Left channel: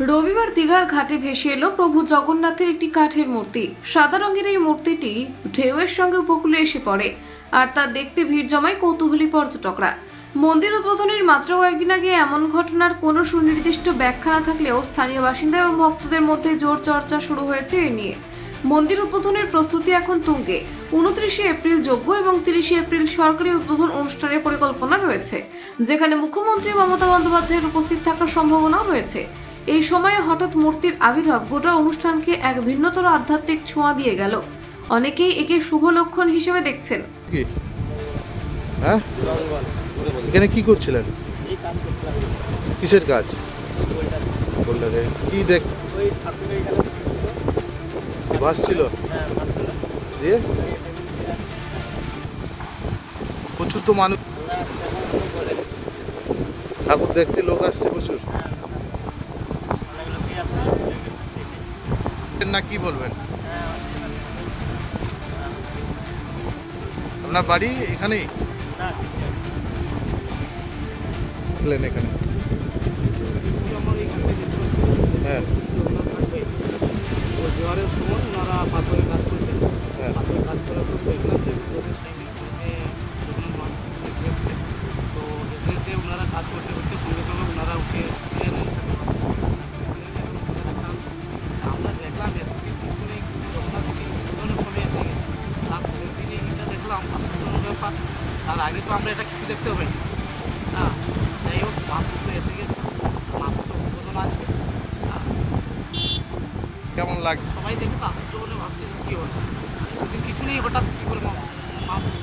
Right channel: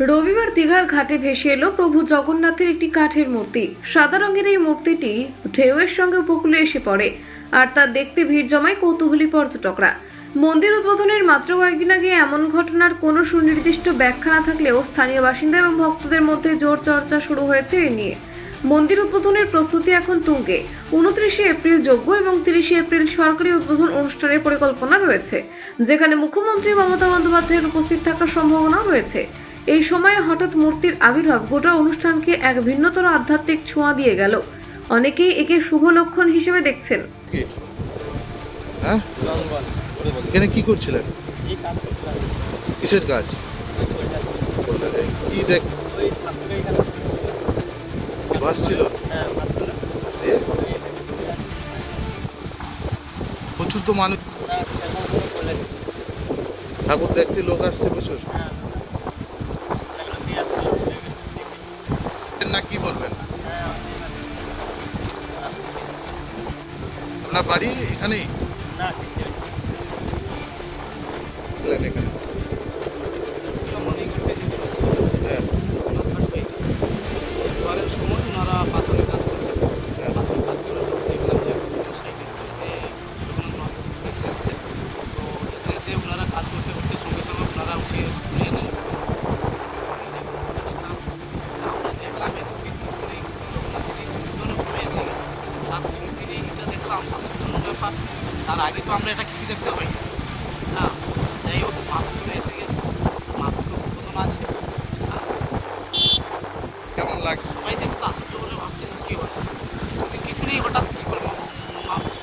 রবিবার দীঘার ঘাটে ভেসে এলো প্রভু জগন্নাথের একটি কাঠের মূর্তি। সাদা রঙের এই মূর্তিটি ঢেউয়ের সঙ্গে উপকূলে এসে পড়ে, আর তা দেখতে ভিড় জমায় কৌতূহলী পর্যটকরা। মন্দির উদ্বোধনের মাত্র কয়েকদিন আগে এমন ঘটনার কোনো সুনির্দিষ্ট ব্যাখ্যা না থাকলেও স্থানীয় বাসিন্দা এবং ভক্তদের মধ্যে জোর চর্চা শুরু হয়েছে এ নিয়ে। মন্দির উদ্বোধনের প্রস্তুতি এখন তুঙ্গে। উনত্রিশে এপ্রিল যোগ্য এবং তিরিশে এপ্রিল সরকারি উদ্বোধন অনুষ্ঠানের পরিকল্পনা রয়েছে, যেখানে মুখ্যমন্ত্রী মমতা বন্দ্যোপাধ্যায়ের উপস্থিত থাকার সম্ভাবনাও রয়েছে। এই সময়ে হঠাৎ মূর্তির আবির্ভাব গোটা অনুষ্ঠানকে এক ভিন্নতর আধ্যাত্মিক ছোঁয়া দিয়ে গেল। অনেকেই একে শুভ লক্ষণ হিসেবে দেখছেন। হ্যাঁ? এখানে কি করছিলেন? কিসের কাজ? কি দেখ প্রচুর তো মানুষ ঠাকুর দেখতে লোক আসছে প্রচুর হ্যাঁ অনেকগুলো মেয়ে আসছিল ঘুরে গেছে দেখে না কি বলবেন? আপনার বাড়ি এখানেই? এখানে। হ্যাঁ। জোয়ারের সময় ওনারা পাথরের কাজ করছেন হ্যাঁ। পাথরের কাজ করে সব দেখলাম যে সাইকেল এসে জগন্নাথ এসে তো এসে এসে ওনারা কাজ করতে করতে সঙ্গে সঙ্গে ওনারা উঠে তুলে নেন আমরা দেখলাম এত কিছু নেই জগন্নাথ যদি উদ্বোধনের সময় এসে গেছে তার মূর্তির এইটা দেখলাম আশ্চর্যজনক তার আগে তো আমরা এটা কিছু দেখতে পাই না যাই হোক মাপ তো এসে গেছে। মহাপ্রভু উদ্বোধন আছে। হ্যাঁ, কেমন লাগছে? সবাই দেখতে আশ্চর্য বলে ভাবছে কী হলো এতদিন কিছু নেই হঠাৎ কী করব? মহাপ্রভু